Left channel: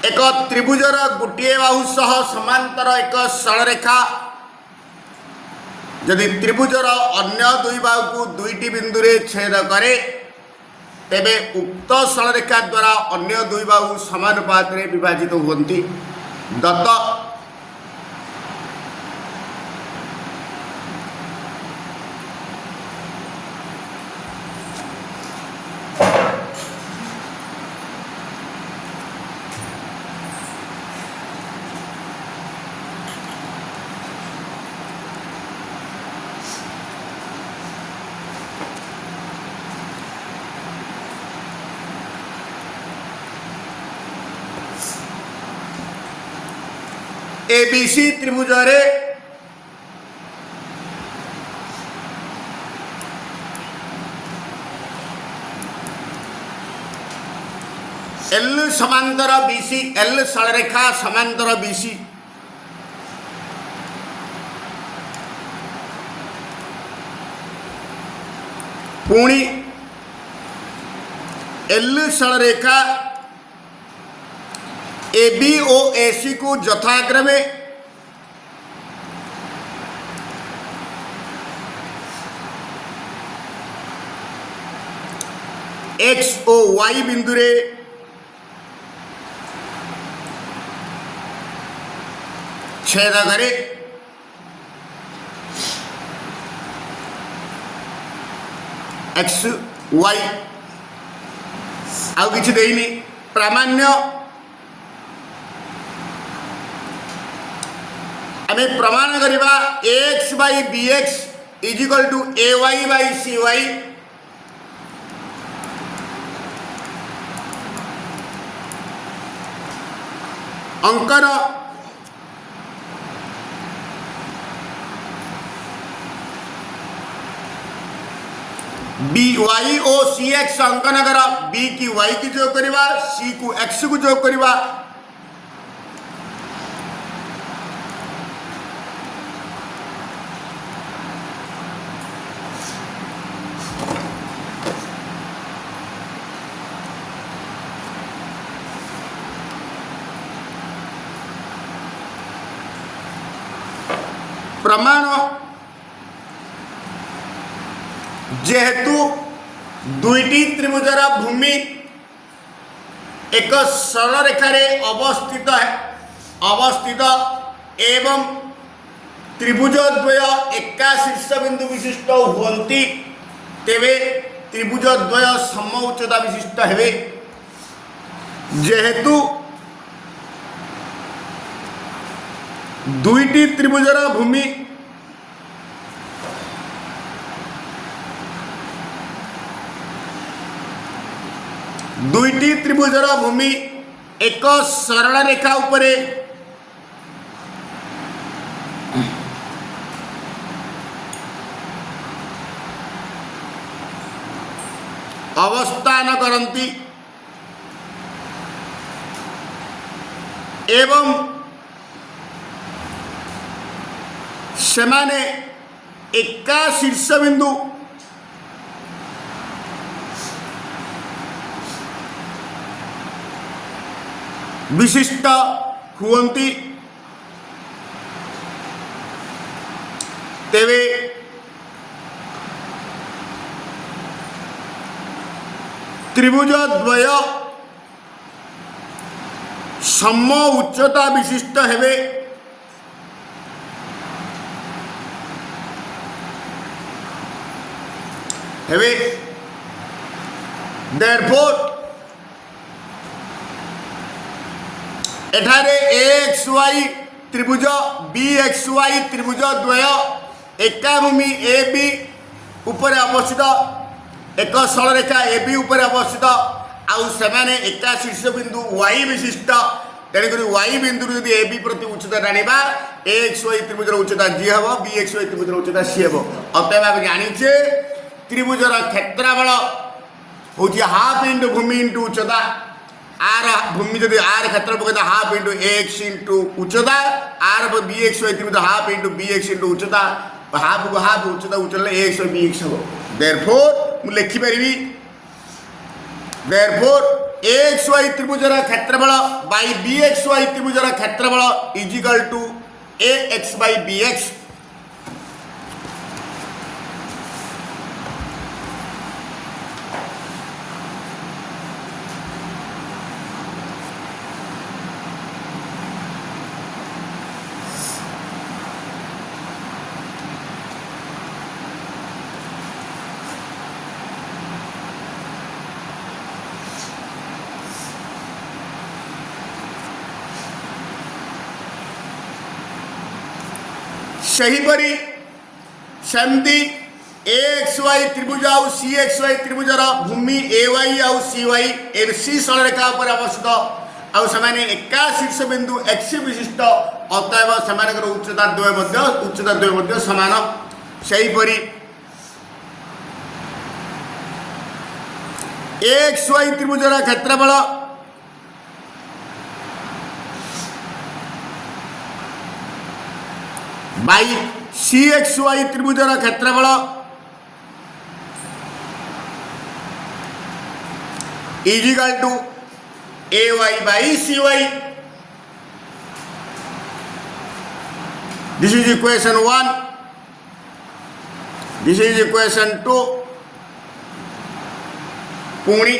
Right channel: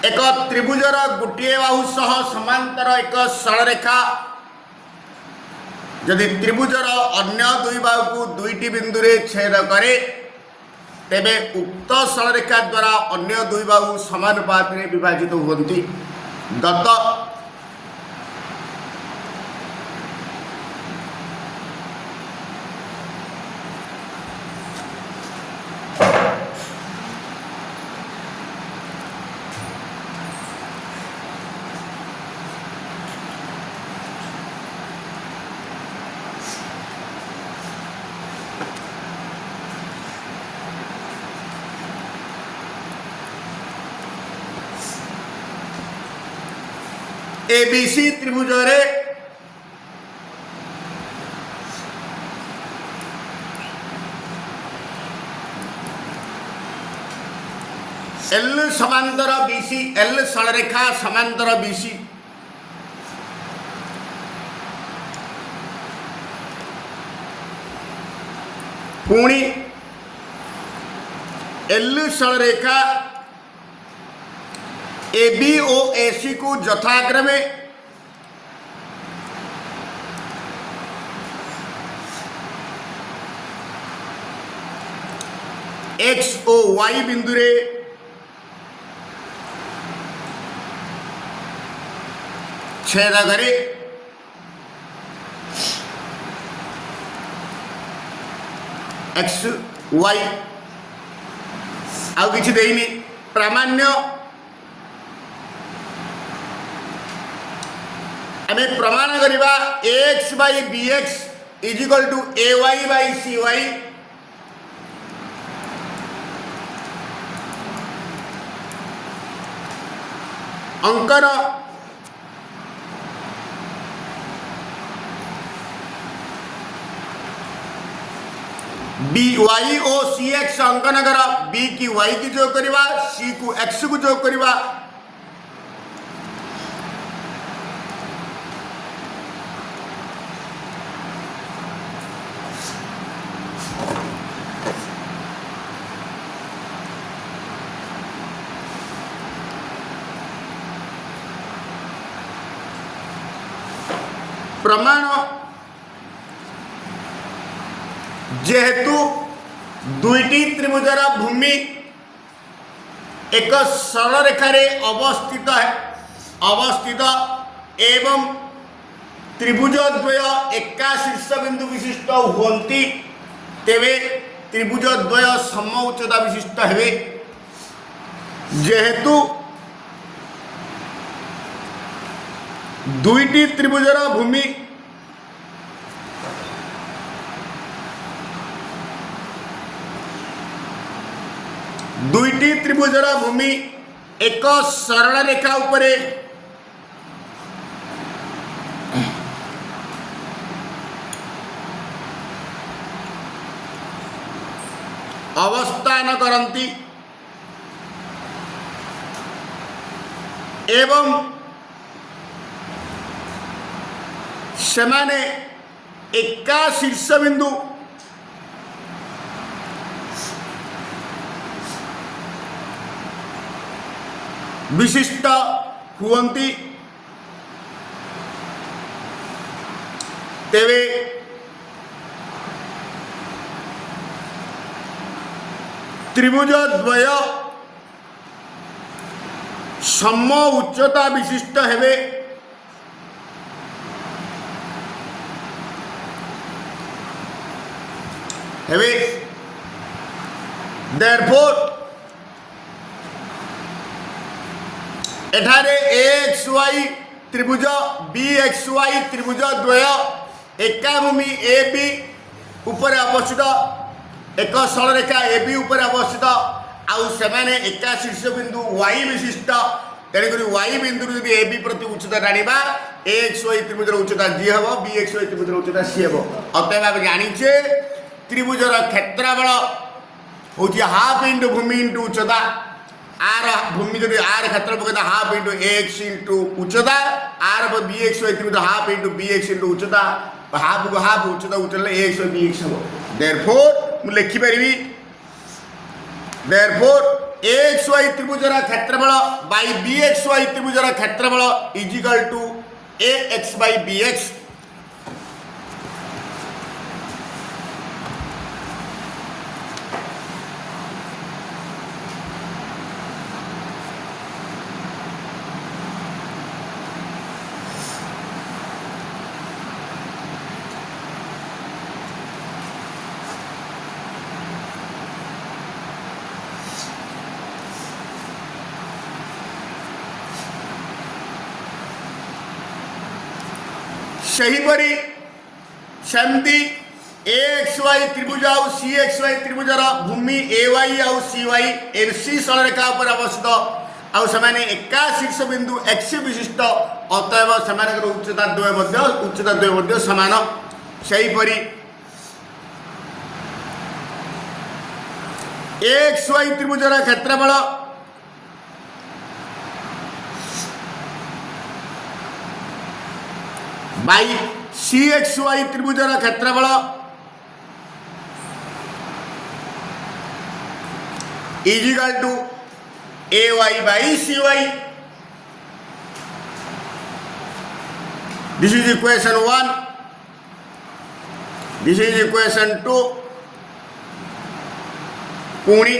एक त्रिभुजर गोटे बाहु सह समांतर एक सरलरेखा यदि त्रिभुजर अन्य दुई बाहु को दुईटी बिंदु रे छेद करे तेबे उक्त सरलरेखा द्वारा अन्य दुई बाहु समानुपात रे विभाजित होती। दत्त एबीसी त्रिभुज रे एल समांतर बीसी एल सरलरेखा समांतर बीसी पुणी एल सरलरेखा AB और AC को यथाक्रमे X और Y बिंदु रे छेद करे। X Y आउ किछि देइनी प्रामाण्य आमे प्रमाण करिबा ax by bx is equal to ay by cy अंकन by और cx अंकन कर b की y की जोग करिबा c को x को जोग करिबा प्रमाण जेहेतु दुईटी त्रिभुजर भूमि एक सरल रेखा रे अवस्थित एवं त्रिभुज द्वय एका शीर्ष बिंदु विशिष्ट होती तेवे त्रिभुज द्वय सम उच्चता विशिष्ट हेबे। जेहेतु दुईटी त्रिभुजर भूमि एक सरल रेखा उपरे अवस्थान करती एवं सेमाने एका शीर्ष बिंदु विशिष्ट हुवंती तेवे त्रिभुज द्वय सम उच्चता विशिष्ट हेबे। Therefore एठारे AXY त्रिभुज BXY त्रिभुज द्वय एका भूमि AB ऊपर अवस्थित एक सरल रेखा AB ऊपर अवस्थित आउ सेमाने एका शीर्ष बिंदु Y विशिष्ट तेणुक Y बिंदु यदि AB प्रति उच्चता टाणिबा AXY त्रिभुजर उच्चता G हम BXY त्रिभुजर उच्चता C हम। अतएव आम जानिछे त्रिभुजर क्षेत्रफल हूँ हाफ इंटू भूमि इंटू उच्चता आर भूमि जब आर क्षेत्रफल हाफ इंटू एक्स इंटू उच्चता आर BX त्रिभुज हाफ इंटू BX इंटू उच्चता हाफ को हाफ उच्चता उच्चता एक्स BX हम। देयरफॉर मु लिखिपारि देयरफॉर AXY त्रिभुजर क्षेत्रफल बाई बी एक्स वाई त्रिभुजर क्षेत्रफल equal to A X by B X. सेहीपरि सेमती ए एक्स वाई त्रिभुज आउ सी एक्स वाई त्रिभुजर भूमि ए वाई आउ सी वाई ए सी सरलरेखा पर अवस्थित आउ समाने एका शीर्ष बिंदु एक्स विशिष्ट अतएव समान उच्चता द्वय समान। सेहीपरि ए एक्स वाई त्रिभुजर क्षेत्रफल बाई सी एक्स वाई त्रिभुजर क्षेत्रफल equal to A Y by C Y. This is equation 1, this is equation 2। पुणी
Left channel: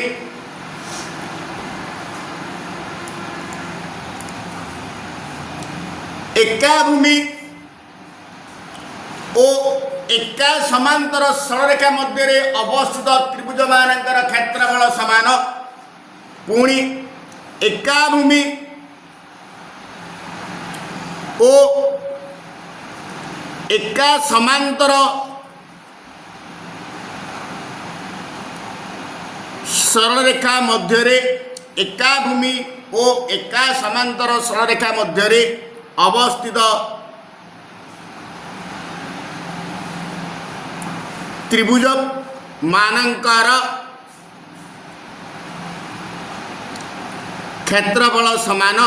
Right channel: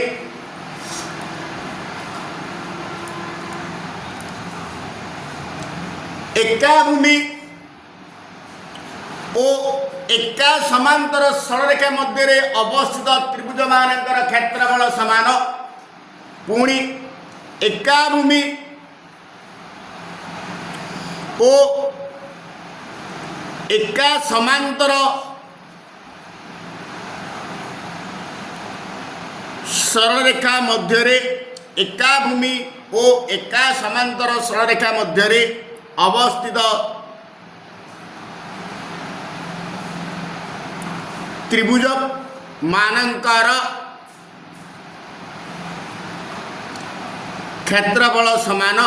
एका भूमि ओ एका समांतर सरलरेखा मध्य अवस्थित त्रिभुज मानकर क्षेत्रफल समान। पुणी एका भूमि ओ एका समांतर सरलरेखा मध्य एका भूमि ओ एका समांतर सरलरेखा मध्य अवस्थित त्रिभुज मानकर क्षेत्रफल समान।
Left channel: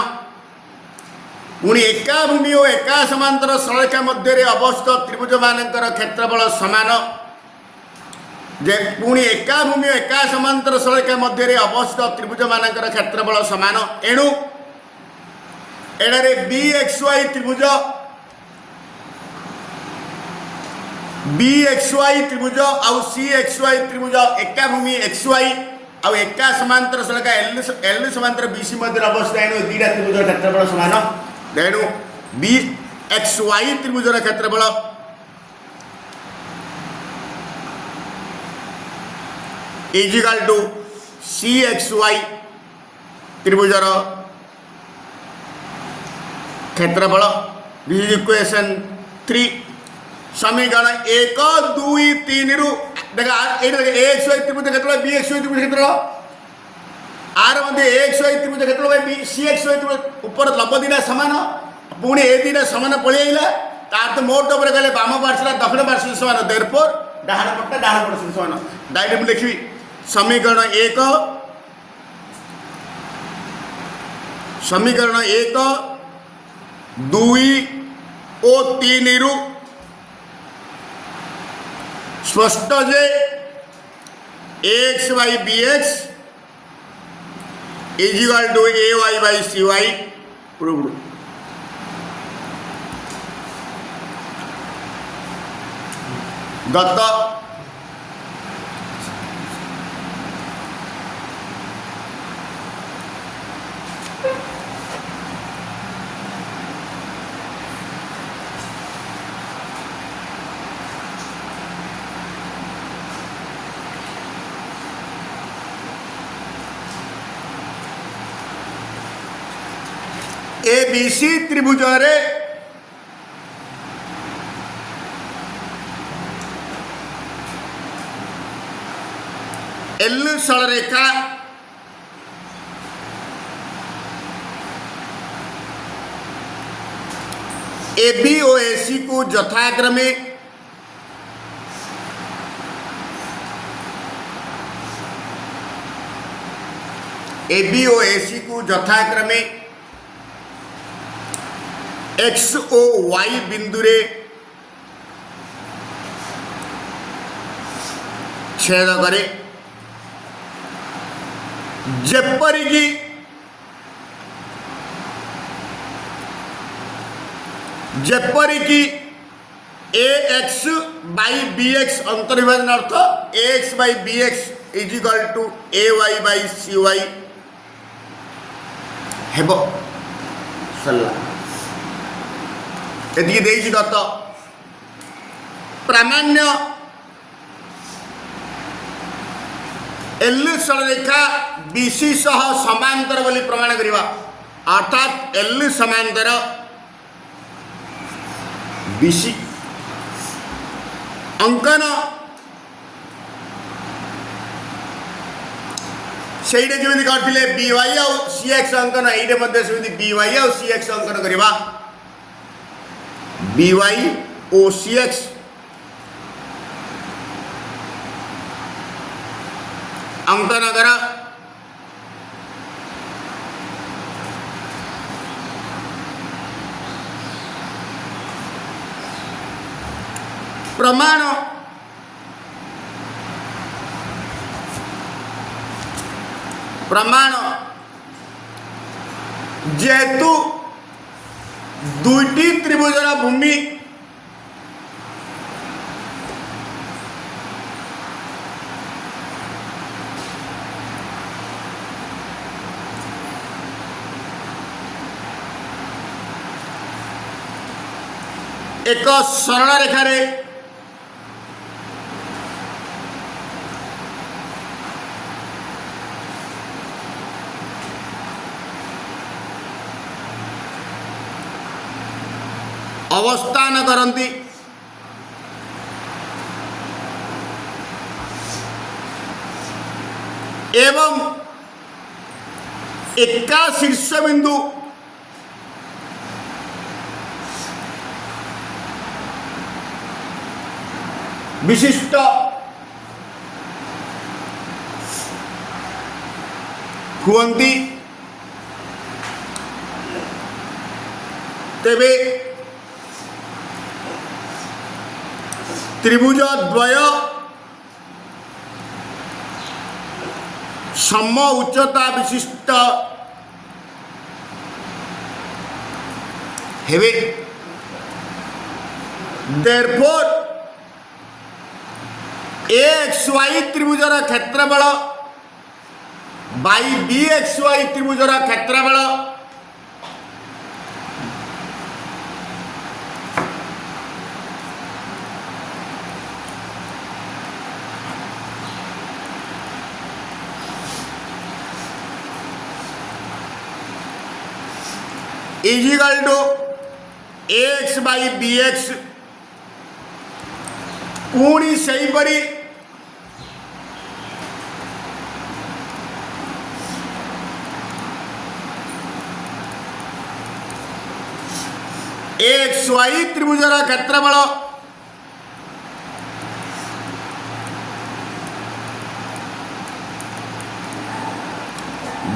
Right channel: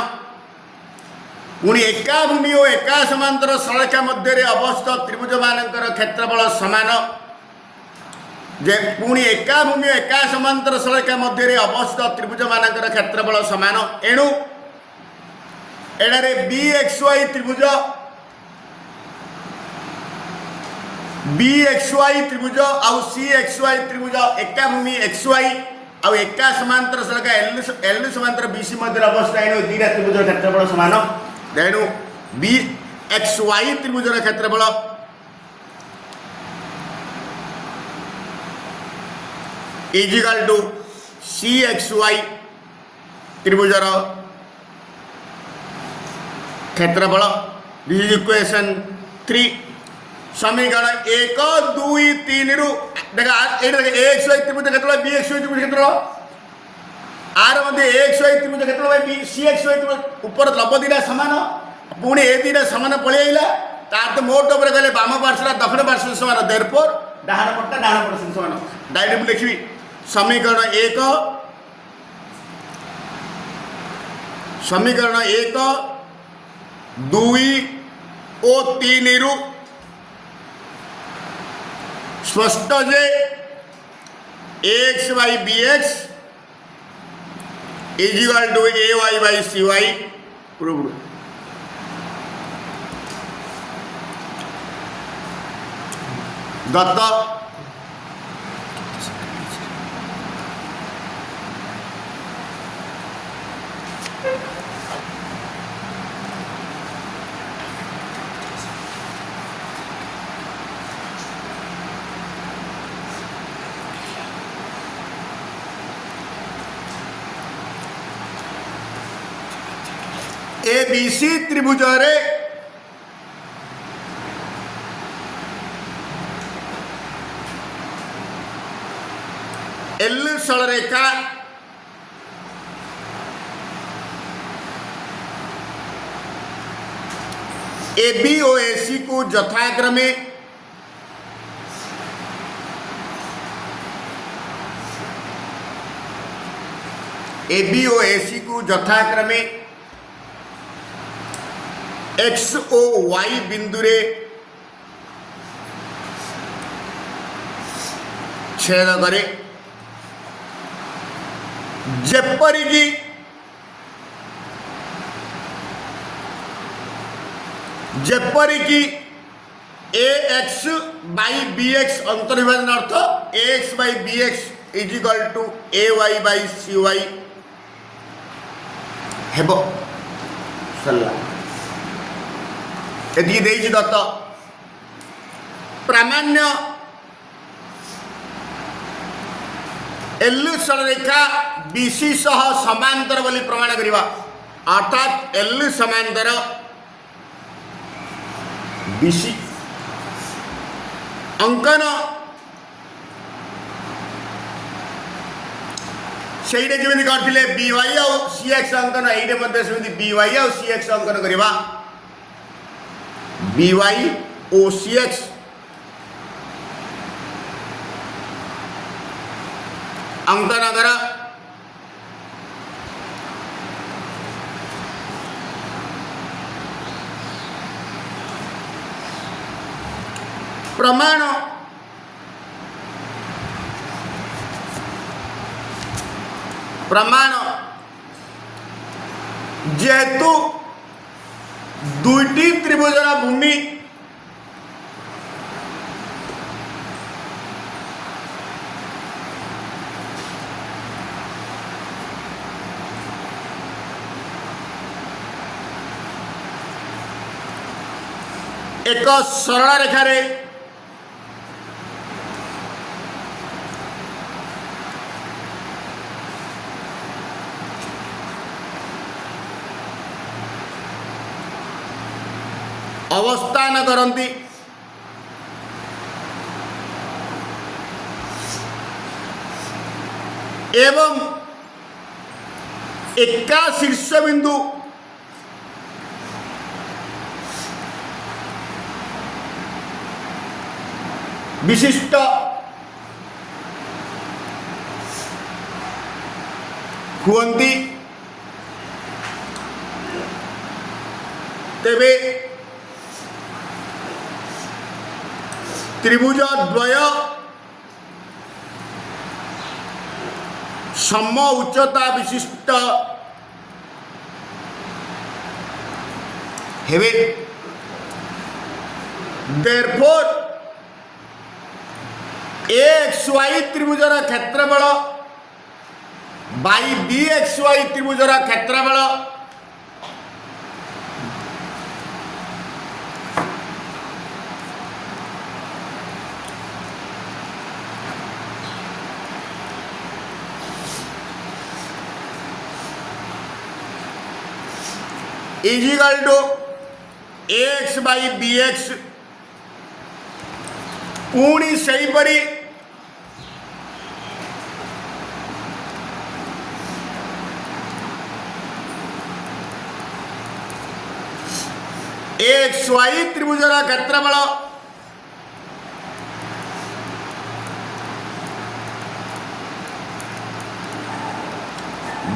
पुणी एका भूमि और एका समांतर सरलरेखा मध्य अवस्थित त्रिभुज मानकर क्षेत्रफल समान। जे पुणी एका भूमि और एका समांतर सरलरेखा मध्य अवस्थित त्रिभुज मानकर क्षेत्रफल समान। एणु एडारे बी एक्स वाई त्रिभुज बी एक्स वाई त्रिभुज आउ सी एक्स वाई त्रिभुज एका भूमि एक्स वाई आउ एका समांतर सरलरेखा एल समांतर बी सी मध्य अवस्थित एणु दीटा त्रिभुज क्षेत्रफल समान। तेणु बी एक्स वाई त्रिभुजर क्षेत्रफल equal to C X Y त्रिभुजर क्षेत्रफल। This is equation 3। समीकरण 1 2 3 रु देखा ए एक्स वाई त्रिभुज क्षेत्रफल बी एक्स वाई त्रिभुज क्षेत्रफल आर मध्य ए एक्स वाई त्रिभुज क्षेत्रफल बी सी एक्स वाई त्रिभुज ऊपर लंब दीटा सामान पुणी ए दीटा सामान पलैला तार तो मोट उपर गले बाम पार्श्व दक्षिण पार्श्व समान देयरफॉर डाहाण पट्टा डाहाण पार्श्व समान। डायरेक्ट मु लिखिबी समीकरण 1 2 और 3 रु स्पष्ट जे X Y B X equal to A Y by C Y proved. दत्त ए बी सी त्रिभुज एल सरलरेखा ए बी और ए सी को यथाक्रमे ए बी और ए सी को यथाक्रमे एक्स ओ वाई बिंदुरे छेद करे जेपरिकी जेपरिकी A X by B X अंतर्विभाजन अर्थ A X by B X is equal to A Y by C Y हेब सरला एति देइछि दत्त प्रामाण्य एल सरलरेखा बीसी सह समांतर बोली प्रमाण करिवा अर्थात एल समांतर बीसी अंकन सेइडे जेमिति करथिले बी वाई आ सी एक्स अंकन एइडे मध्ये सेमिति बी वाई आ सी एक्स अंकन करिवा बी वाई ओ सी एक्स अंकन करा प्रमाण प्रमाण जेहेतु दुईटी त्रिभुजर भूमि एक सरल रेखा रे अवस्थान करती एवं एका शीर्ष बिंदु विशिष्ट हुअन्ति तेबे त्रिभुज द्वय सम उच्चता विशिष्ट हेवे देयरफॉर एक्स वाई त्रिभुजर क्षेत्रफल बाई बी एक्स वाई त्रिभुजर क्षेत्रफल is equal to X by B X पुणी सही परी एक्स वाई त्रिभुजर क्षेत्रफल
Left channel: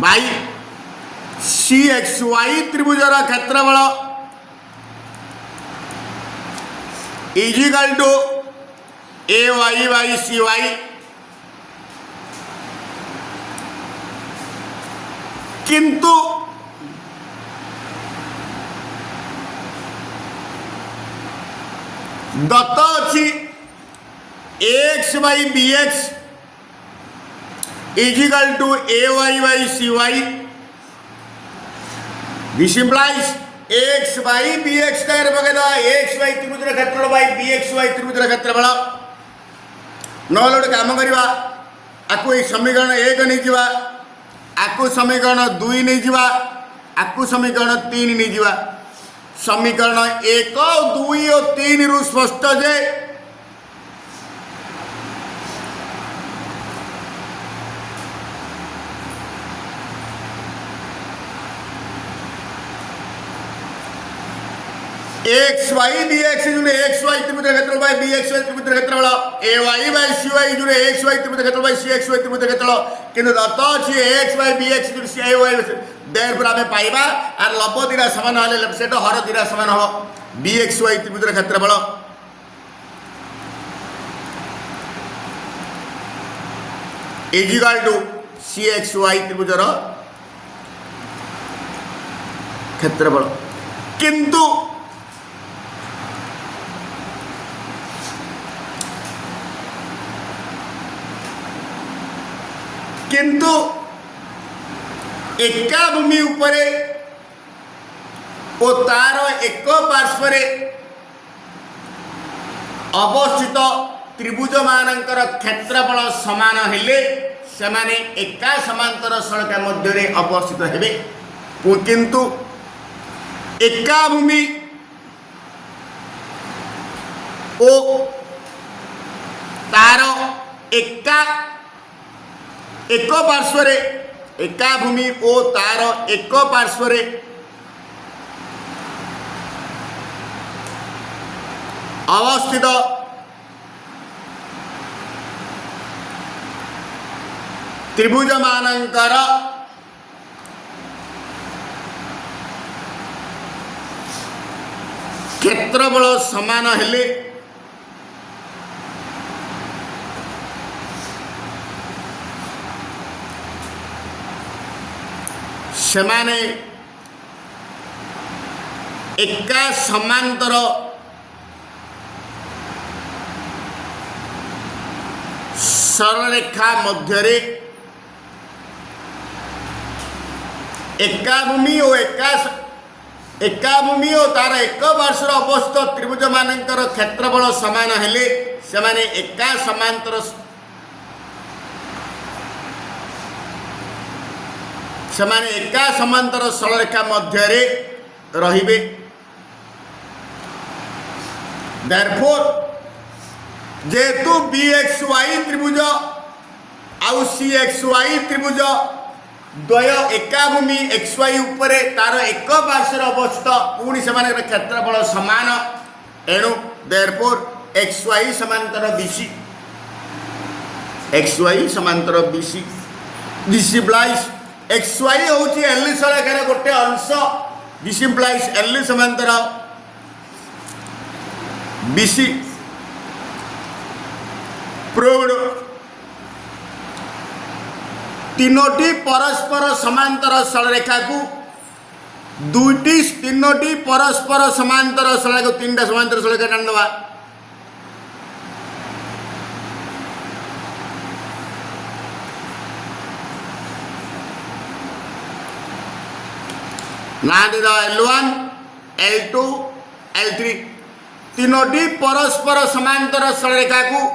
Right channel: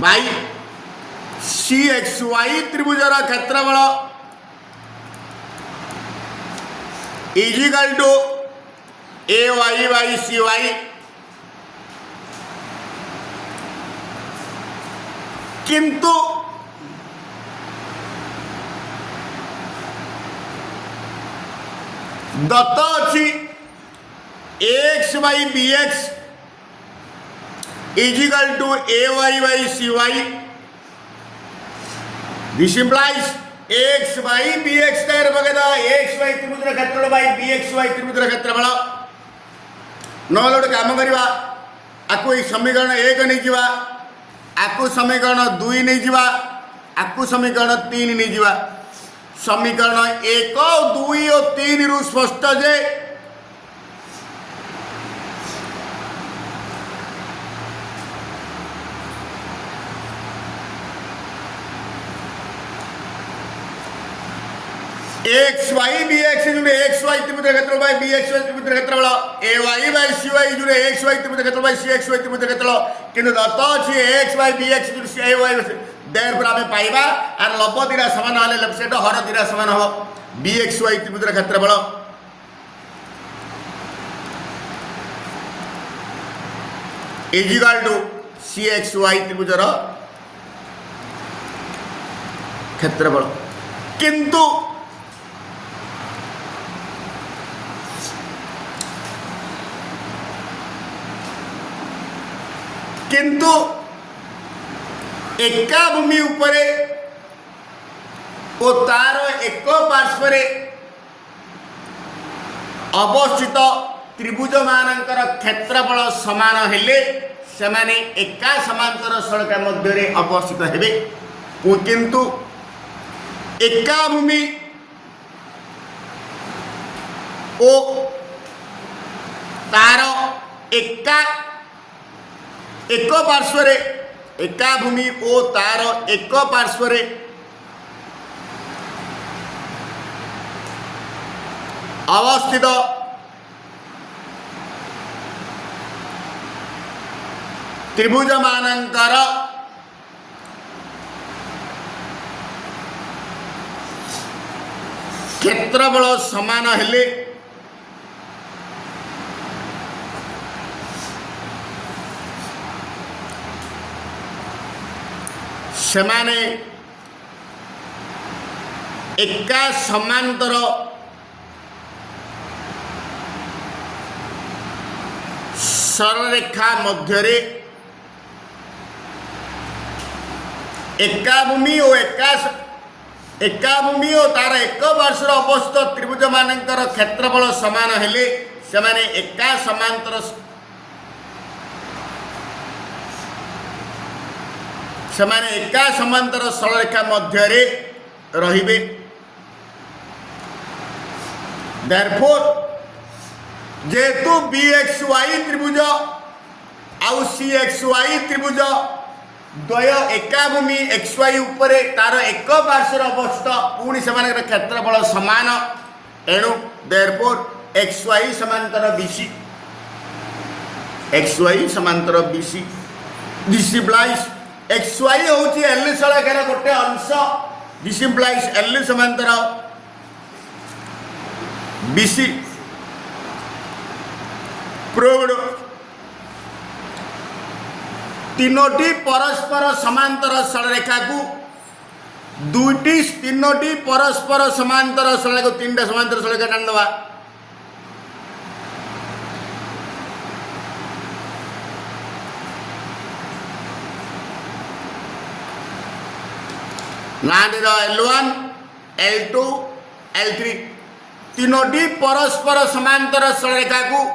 बाई सी एक्स वाई त्रिभुजर क्षेत्रफल is equal to A Y by C Y किंतु दत्त अच्छी X by B X is equal to A Y by C Y this implies X by B X square बगैरा X Y त्रिभुजर क्षेत्रफल by B X Y त्रिभुजर क्षेत्रफल नहले गोटे काम करवा आपको ये समीकरण 1 नहीं जावा आपको समीकरण 2 नहीं जावा आपको समीकरण 3 नहीं जावा समीकरण 1 2 और 3 रु स्पष्ट जे X Y B X X Y त्रिभुज क्षेत्रफल बाई बी एक्स वाई त्रिभुज क्षेत्रफल A Y by C Y X Y त्रिभुज क्षेत्रफल बाई सी एक्स वाई त्रिभुज क्षेत्रफल किंतु दत्त अछि एक्स वाई बी एक्स सी वाई देयरफॉर आमे पाइबा आर लब दिरा समान हले लेफ्ट साइड हर दिरा समान हो बी एक्स वाई त्रिभुज क्षेत्रफल is equal to C X Y त्रिभुजर क्षेत्रफल किंतु एका भूमि उपरे ओ तार एक पार्श्व अवस्थित त्रिभुज मानकर क्षेत्रफल समान हेले सेमाने एका समांतर सड़क मध्य अवस्थित हेबे किंतु एका भूमि ओ तार एका एक पार्श्व एका भूमि ओ तार एक पार्श्व अवस्थित त्रिभुज मानकर क्षेत्रफल समान हेले सेमाने एका समांतर सरलरेखा मध्य एका भूमि और एका भूमि और तार एक पार्श्व अवस्थित त्रिभुज मानकर क्षेत्रफल समान हेले सेमाने एका समांतर सेमाने एका समांतर सरलरेखा मध्य रहिबे देयरफॉर जेतु BXY त्रिभुज आउ CXY त्रिभुज द्वय एका भूमि XY उपरे तार एक पार्श्व अवस्थित पुणी से क्षेत्रफल समान एणु देयरफॉर XY समांतर BC XY समांतर BC दिस इम्प्लाइज XY होची L सरकार गोटे अंश दिस इम्प्लाइज L समांतर BC प्रूव्ड तीनोटी परस्पर समांतर सरलरेखा को तीनोटी परस्पर समांतर सरलरेखा तीन समांतर सरलरेखा टाणी दवा ना दे L1 L2 L3 तीनोटी परस्पर समांतर सरलरेखा को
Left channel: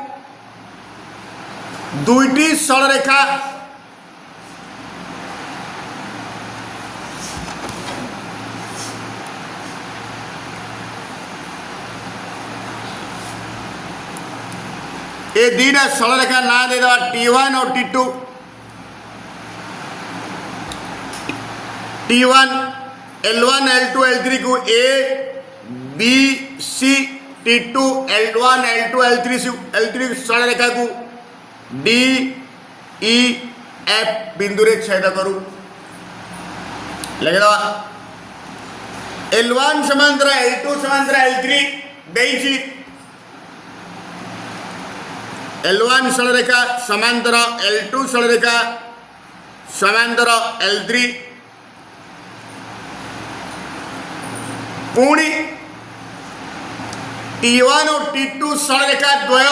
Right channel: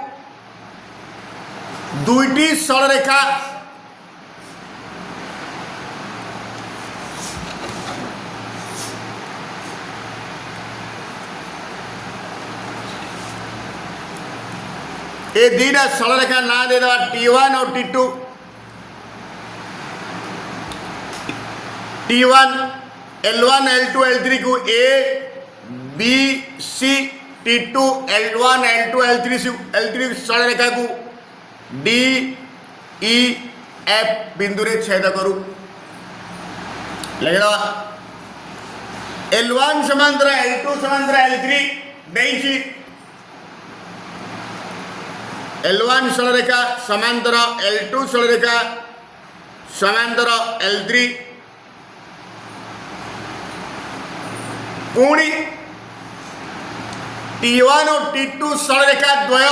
दुईटी सरलरेखा ये दीटा सरलरेखा ना दे दवा T1 और T2 T1 L1 L2 L3 को A B C T2 L1 L2 L3 सरलरेखा को D E F बिंदु रे छेद करू लगे L1 समांतर L2 समांतर L3 देइछि L1 सरलरेखा समांतर L2 सरलरेखा समांतर L3 पुणी T1 और T2 सरलरेखा द्वय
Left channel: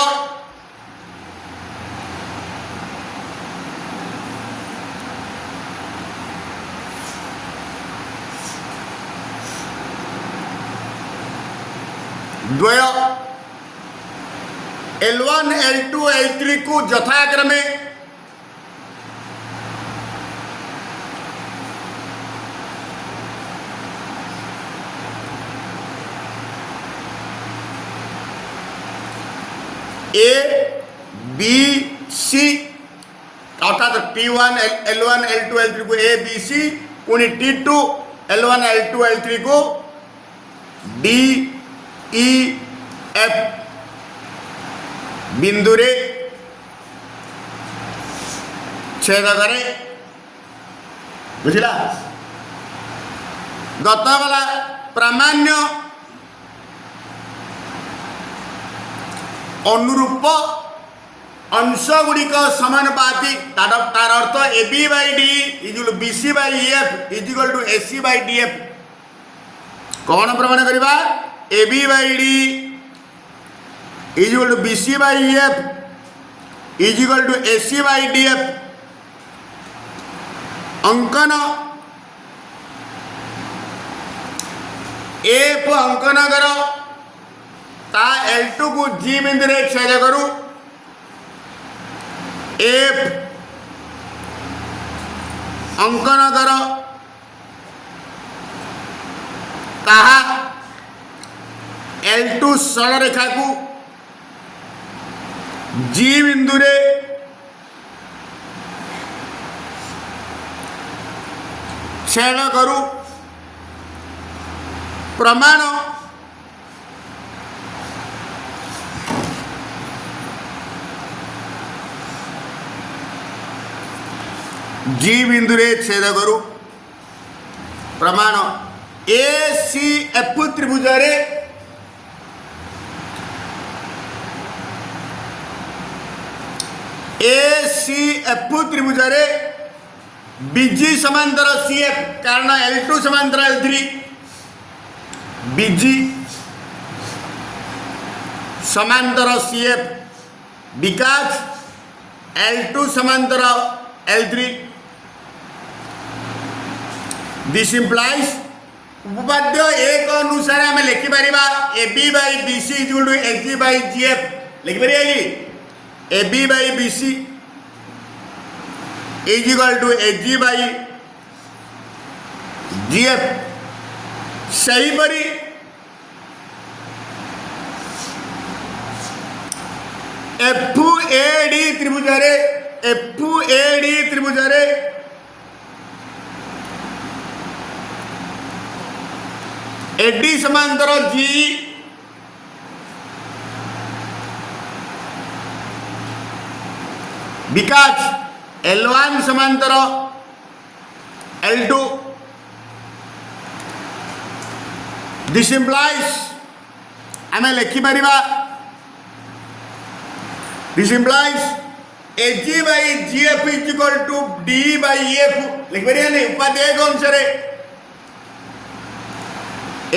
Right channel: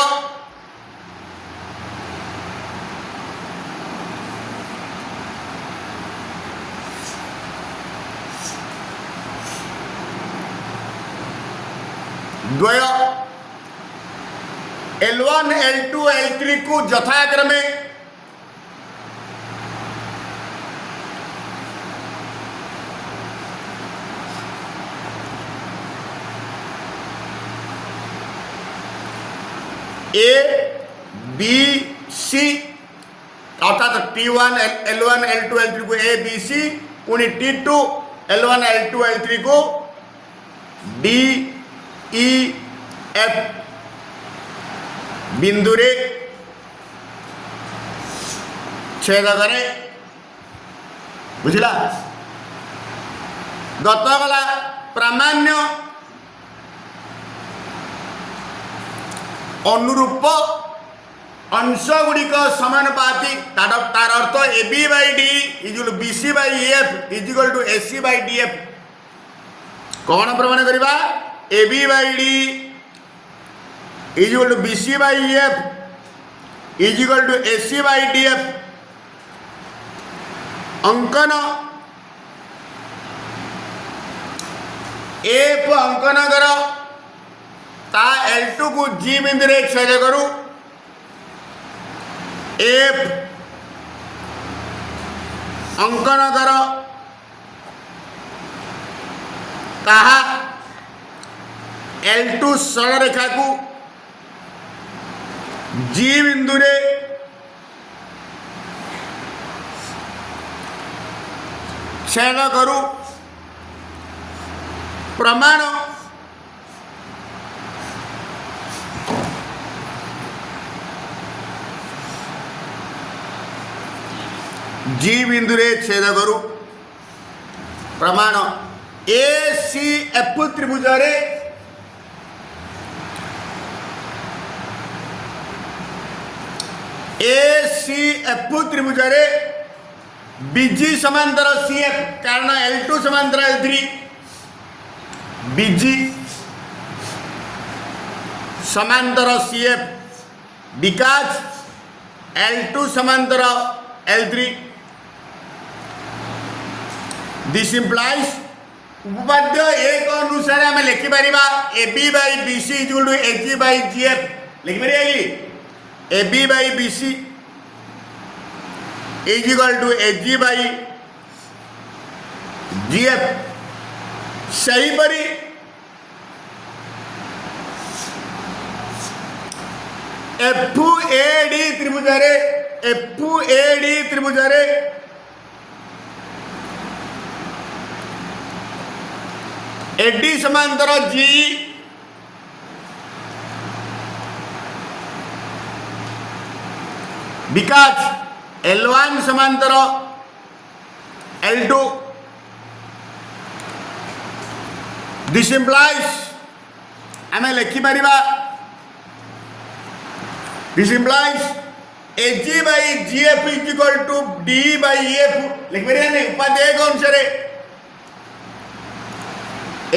L1 L2 L3 को यथाक्रमे A B C अर्थात T1 L1 L2 L3 को A B C पुणी T2 L1 L2 L3 को D E F बिंदु रे छेद करे बुझला गतगला प्रामाण्य अनुरूप अंश गुड़िक समानुपाती तार अर्थ AB by D equal BC by EF equal to AC by DF कौन प्रमाण करवा AB by D equal to BC by EF equal to AC by DF अंकन एफ अंकन कर ता L2 को G बिंदु रे छेद करू एफ अंकन कर ताहा L2 सरल रेखा को G बिंदु रे छेद करू प्रमाण G बिंदु रे छेद करू प्रमाण ACF त्रिभुज रे ACF त्रिभुज रे BG समांतर CF कारण L2 समांतर L3 BG समांतर CF विकास L2 समांतर L3 दिस इम्प्लाइज उपपाद्य एक अनुसार आम लिखिपर AB by BC equal to AG by GF लिखिपर AB by BC is equal to AG by GF सहीपरि FAD त्रिभुज रे FAD त्रिभुज रे AD समांतर G विकास L1 समांतर L2 दिस इम्प्लाइज आम लिखिपर this implies AG by GF is equal to D by EF लिखिपर उपाध्याय अनुसार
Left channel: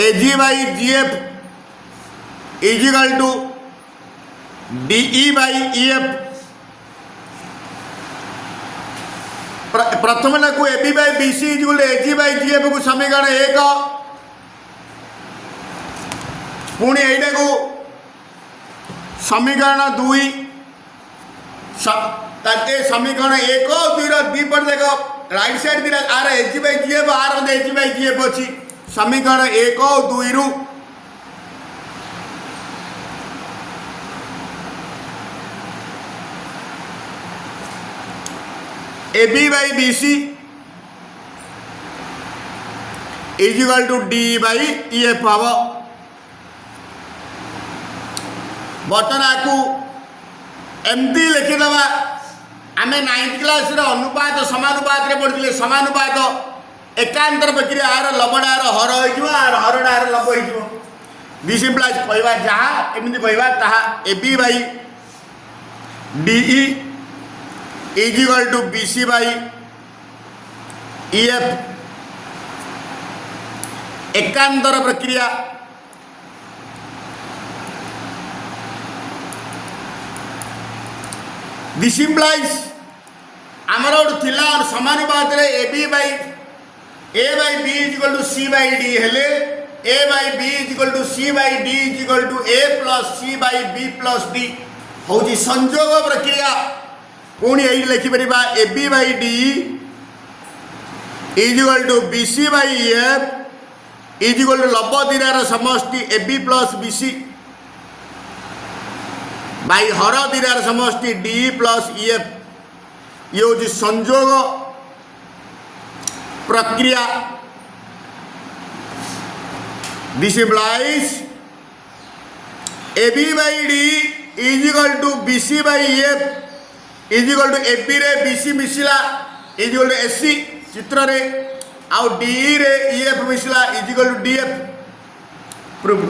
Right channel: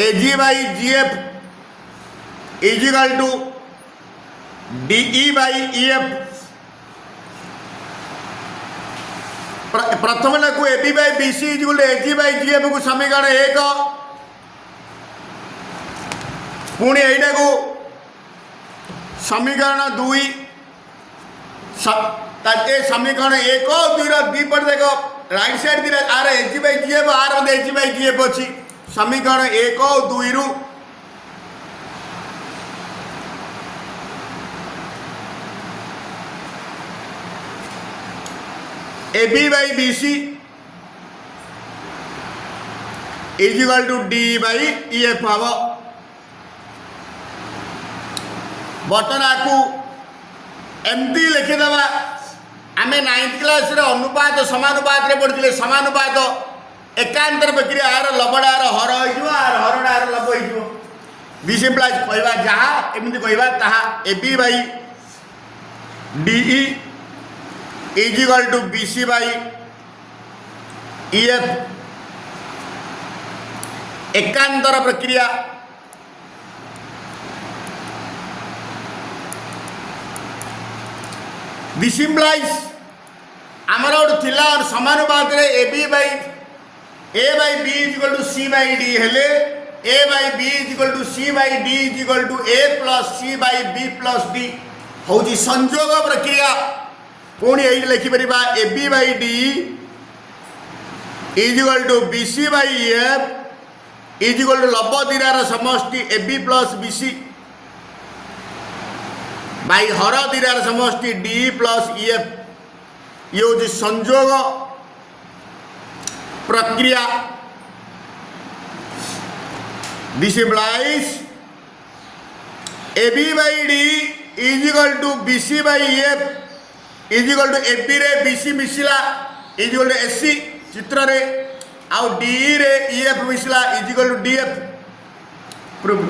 AG by GF is equal to DE by EF प्रथम को AB by BC equal to AG by GF को समीकरण 1 पुणी एटा को समीकरण 2 ताते समीकरण 1 और 2 दीपट देख राइट साइड दिला आर AG बाई GF आर मते AG बाई GF अछि समीकरण 1 और 2 रु AB by BC is equal to D by EF हम बर्तमान को एमती लिखिदबा आम 9th क्लास रे अनुपात समानुपात रे पढ़िले समानुपात एकांतर प्रक्रिया आर लबड़ा आर हर हो आर हरड़ा आर लब हो दिस इम्प्लाइज कहवा जहाँ एमती कहवा ताहा AB by DE is equal to BC by EF एकांतर प्रक्रिया दिस इम्प्लाइज आमर गोटे थिला समानुपात रे AB by A by B is equal to C by D हेले A by B is equal to C by D is equal to A plus C by B plus D हूँ संयोग प्रक्रिया पुणी ये लिखिपर AB by D is equal to BC by EF is equal to लब दीरार समष्टि AB plus BC by हर दीरार समष्टि D plus EF ये हूँ संयोग प्रक्रिया this implies AB by D is equal to BC by EF is equal to AB रे BC मिसिला is equal to SC चित्र रे आउ D रे EF मिसिला is equal to DF prove